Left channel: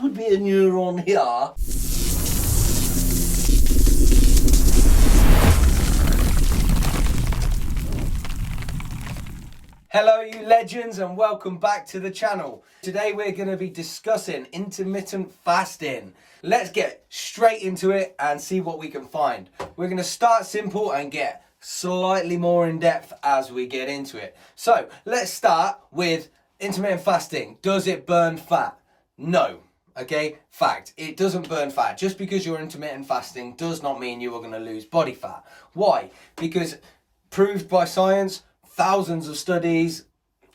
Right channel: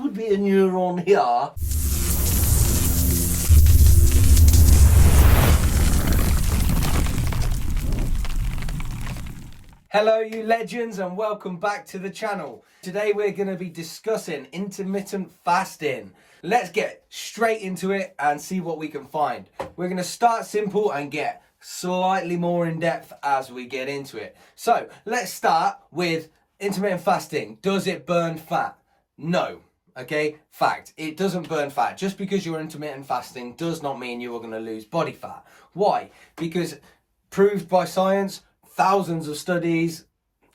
would be a neuron here. Hello you legends and welcome back to the channel. Today we're going to be discussing intermittent fasting. Let's get straight into it and see what we can find. We're going to start simple and get slightly more in depth as we get into it. So let's start with intermittent fasting. Does it burn fat? No. Okay, fact, it doesn't burn fat. Just because you're intermittent fasting does not mean you are going to lose body fat. Why? Because proved by science, thousands of studies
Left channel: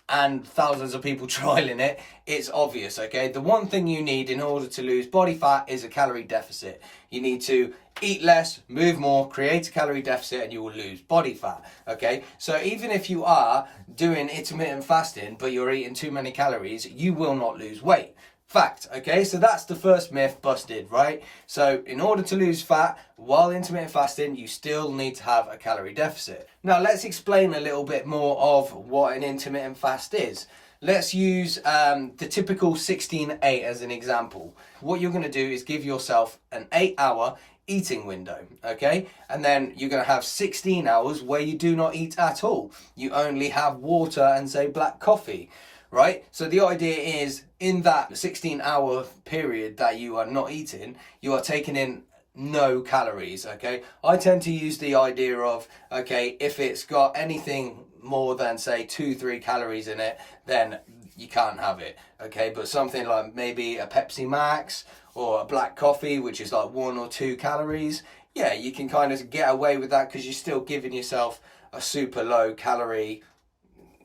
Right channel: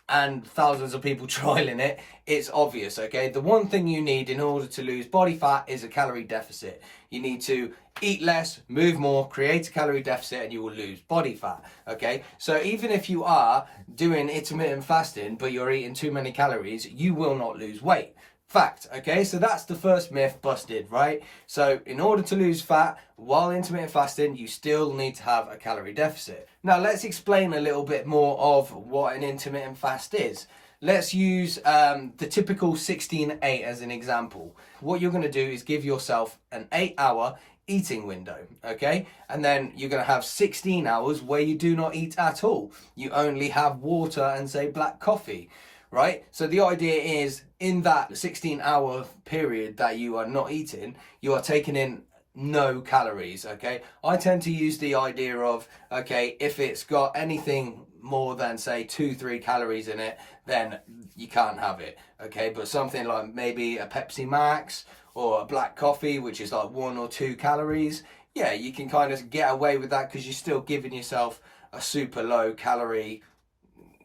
and thousands of people trialing it, it's obvious, okay? The one thing you need in order to lose body fat is a calorie deficit. You need to eat less, move more, create a calorie deficit, and you will lose body fat, okay? So even if you are doing intermittent fasting, but you're eating too many calories, you will not lose weight. Fact, okay? So that's the first myth busted, right? So in order to lose fat while intermittent fasting, you still need to have a calorie deficit. Now let's explain a little bit more of what an intermittent fast is. Let's use the typical 16-8 as an example. What you're going to do is give yourself an 8-hour eating window, okay? And then you're going to have 16 hours where you do not eat at all. You only have water and say black coffee. Right? So the idea is in that 16-hour period that you are not eating, you are taking in no calories, okay? I tend to use the idea of, okay, if it's got anything more than say 2-3 calories in it, then you can't have it, okay? But something like maybe a Pepsi Max or a black coffee, which is like 1 or 2 calories, yeah, you can kind of get away with that because you're still giving yourself a super low calorie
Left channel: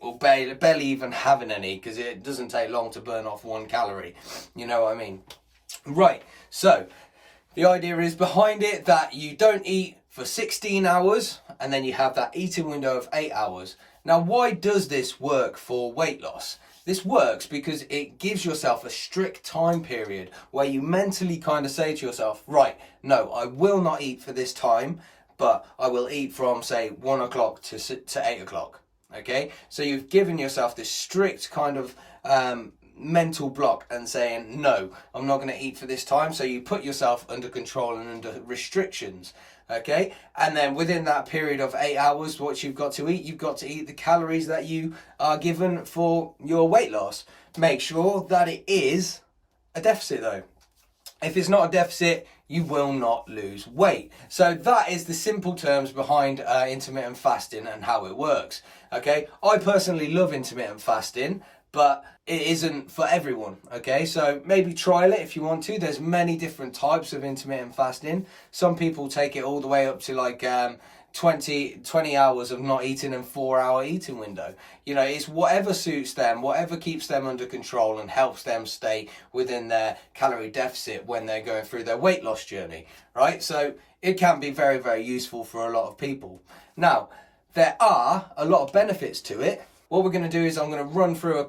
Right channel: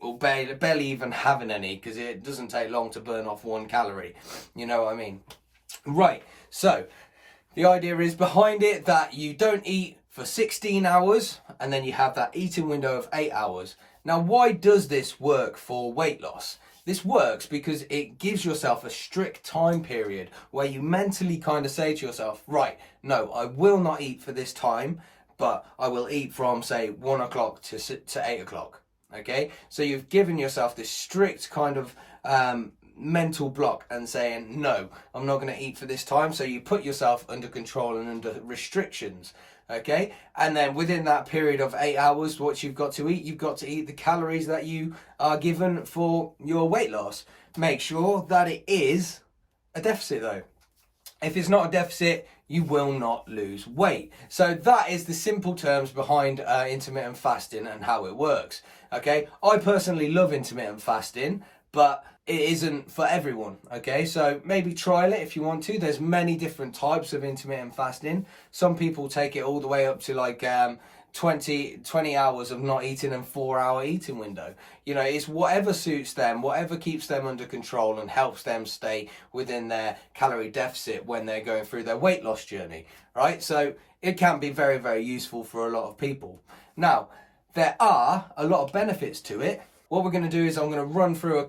or barely even having any, because it doesn't take long to burn off 1 calorie. You know what I mean? Right, so the idea is behind it that you don't eat for 16 hours and then you have that eating window of 8 hours. Now, why does this work for weight loss? This works because it gives yourself a strict time period where you mentally kind of say to yourself, right, no, I will not eat for this time, but I will eat from, say, 1 o'clock to 8 o'clock. Okay, so you've given yourself this strict kind of mental block and saying, no, I'm not going to eat for this time. So you put yourself under control and under restrictions. Okay, and then within that period of 8 hours, what you've got to eat the calories that you are given for your weight loss. Make sure that it is a deficit though. If it's not a deficit, you will not lose weight. So that is the simple terms behind intermittent fasting and how it works. Okay, I personally love intermittent fasting, but it isn't for everyone. Okay, so maybe trial it if you want to. There's many different types of intermittent fasting. Some people take it all the way up to like 20 hours of not eating and 4-hour eating window. You know, it's whatever suits them, whatever keeps them under control and helps them stay within their calorie deficit when they're going through their weight loss journey, right? So it can be very, very useful for a lot of people. Now, there are a lot of benefits to it. What we're going to do is I'm going to run through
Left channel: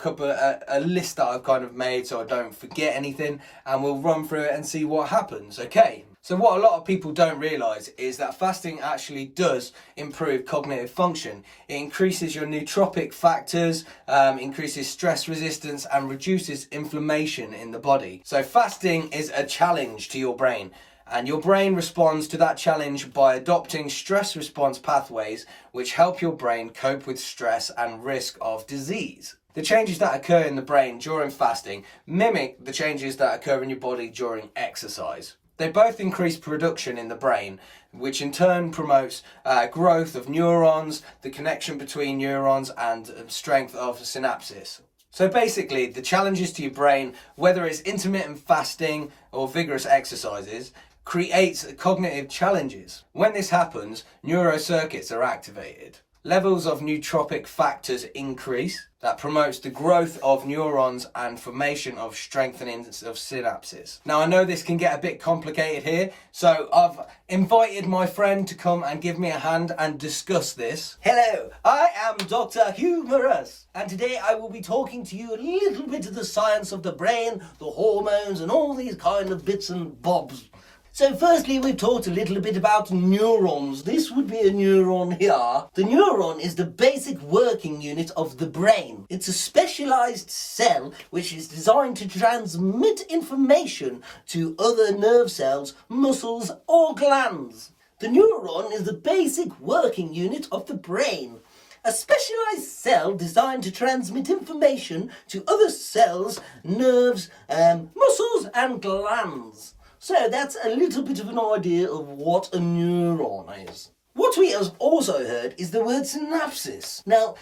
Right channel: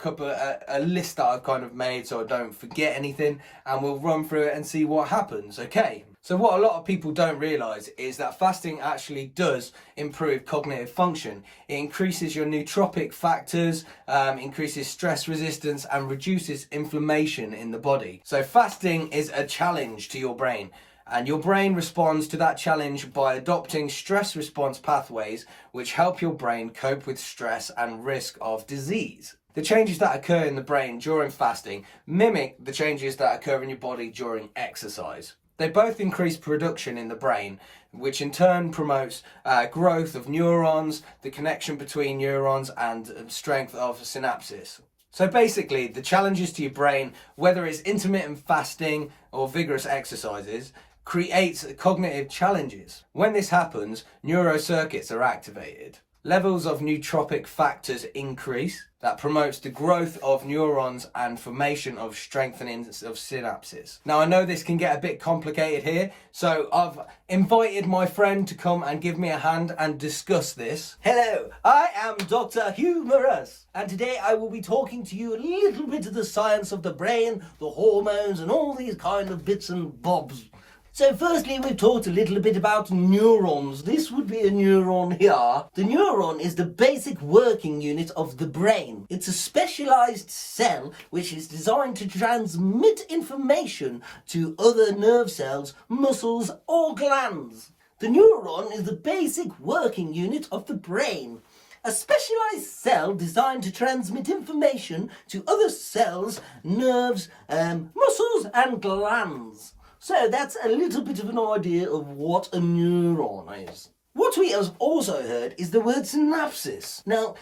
a list that I've kind of made so I don't forget anything, and we'll run through it and see what happens, okay? So what a lot of people don't realise is that fasting actually does improve cognitive function. It increases your nootropic factors, increases stress resistance and reduces inflammation in the body. So fasting is a challenge to your brain. And your brain responds to that challenge by adopting stress response pathways which help your brain cope with stress and risk of disease. The changes that occur in the brain during fasting mimic the changes that occur in your body during exercise. They both increase production in the brain, which in turn promotes growth of neurons, the connection between neurons, and strength of synapses. So basically, the challenges to your brain, whether it's intermittent fasting or vigorous exercises, creates cognitive challenges. When this happens, neurocircuits are activated. Levels of nootropic factors increase. That promotes the growth of neurons and formation of strengthening of synapses. Now, I know this can get a bit complicated here, so I've invited my friend to come and give me a hand and discuss this. Hello, I am Dr. Humorous, and today I will be talking to you a little bit of the science of the brain, the hormones, and all these kind of bits and bobs. So firstly, we've talked a little bit about neurons. This would be a neuron here. The neuron is the basic working unit of the brain. It's a specialized cell which is designed to transmit information to other nerve cells, muscles, or glands. The neuron is the basic working unit of the brain. A specialized cell designed to transmit information to other cells, nerves, muscles, and glands. So that's a little bit of an idea of what a neuron is. What we have also heard is the word synapses. Now,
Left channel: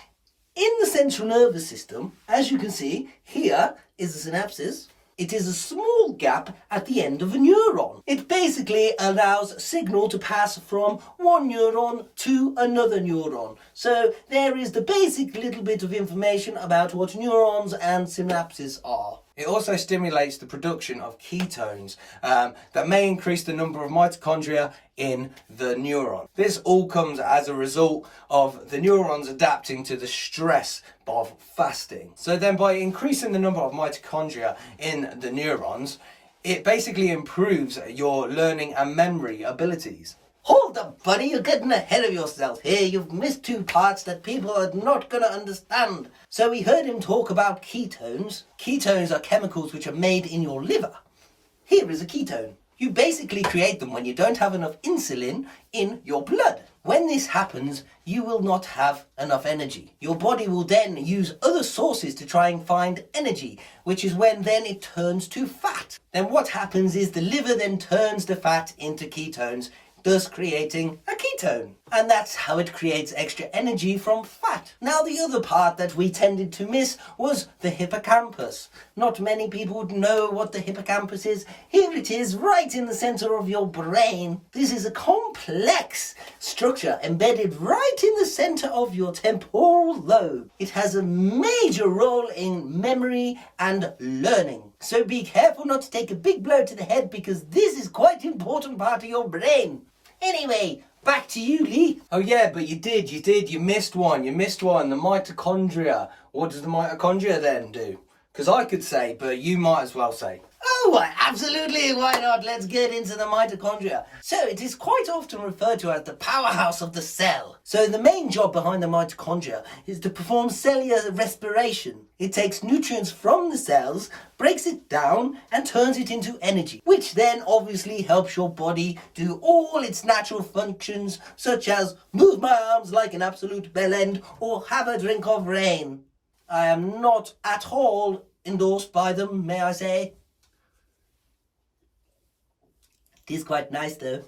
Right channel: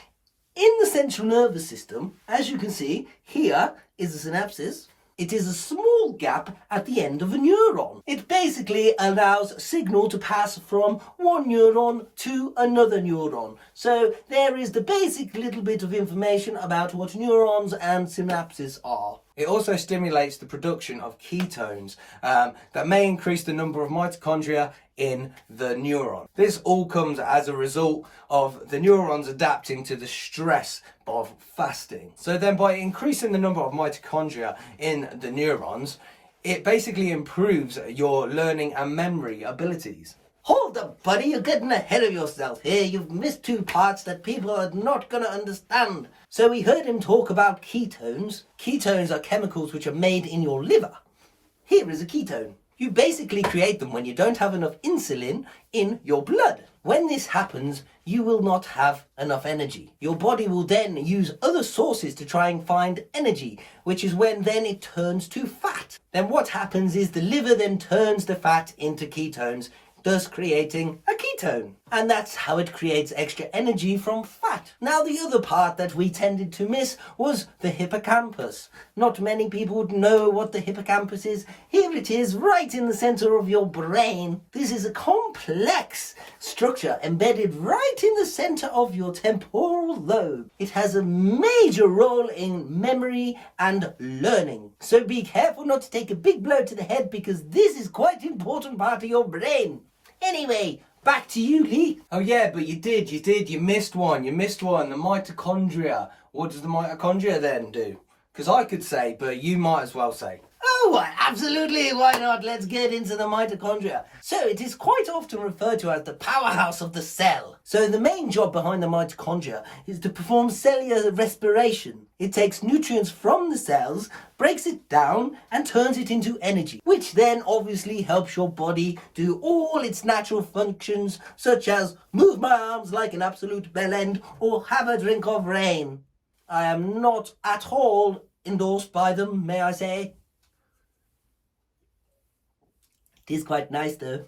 in the central nervous system, as you can see, here is the synapses. It is a small gap at the end of a neuron. It basically allows signal to pass from one neuron to another neuron. So there is the basic little bit of information about what neurons and synapses are. It also stimulates the production of ketones that may increase the number of mitochondria in the neuron. This all comes as a result of the neurons adapting to the stress of fasting. So then by increasing the number of mitochondria in the neurons, it basically improves your learning and memory abilities. Hold up, buddy, you're getting ahead of yourself here. You've missed two parts that people are not going to understand. So we heard him talk about ketones. Ketones are chemicals which are made in your liver. Here is a ketone. You basically create them when you don't have enough insulin in your blood. When this happens, you will not have enough energy. Your body will then use other sources to try and find energy, which is when then it turns to fat. Then what happens is the liver then turns the fat into ketones, thus creating a ketone. And that's how it creates extra energy from fat. Now the other part that we tended to miss was the hippocampus. Not many people would know what the hippocampus is. Here it is, right in the center of your brain. This is a complex structure embedded right in the center of your temporal lobe. It has a major role in memory and learning. So be careful not to take a big blow to the head, because this is quite an important part of your brain. Anyway, back to you, Lee. Oh yeah, but you missed one, the mitochondria. What does the mitochondria then do? Because I could say, but you might as well say. Oh, absolutely, why not? Let's get into the mitochondria. So it is quite often referred to as the powerhouse of the cell. So the main job behind the mitochondria is to perform cellular respiration. It takes nutrients from the cells, breaks it down, and turns it into energy, which then obviously helps your body do all its natural functions, such as move my arms like an absolute bellend or have a drink of rain. I am not at all endorsed by them, may I say. It is quite nice though.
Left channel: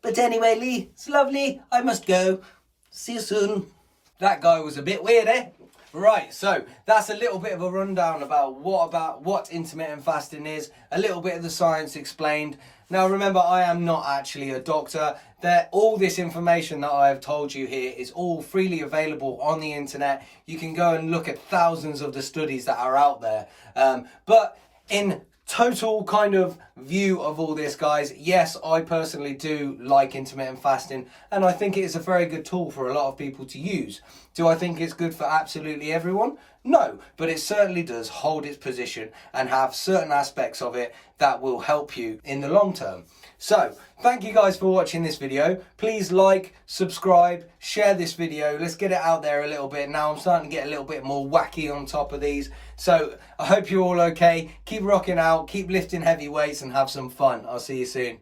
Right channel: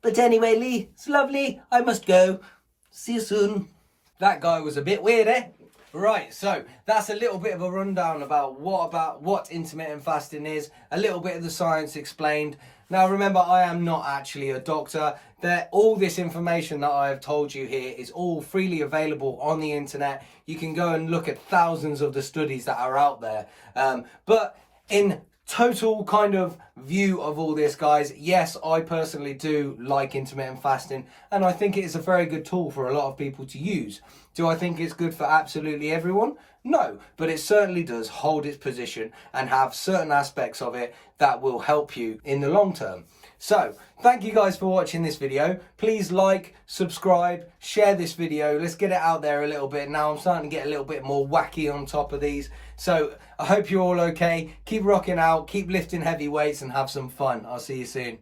But anyway, Lee, it's lovely. I must go. See you soon. That guy was a bit weird, eh? Right, so that's a little bit of a rundown about what intermittent fasting is, a little bit of the science explained. Now remember, I am not actually a doctor. All this information that I have told you here is all freely available on the internet. You can go and look at thousands of the studies that are out there. But in total kind of view of all this, guys, yes, I personally do like intermittent fasting, and I think it is a very good tool for a lot of people to use. Do I think it's good for absolutely everyone? No, but it certainly does hold its position and have certain aspects of it that will help you in the long term. So thank you guys for watching this video. Please like, subscribe, share this video. Let's get it out there a little bit. Now I'm starting to get a little bit more wacky on top of these. So I hope you're all okay. Keep rocking out, keep lifting heavy weights, and have some fun. I'll see you soon.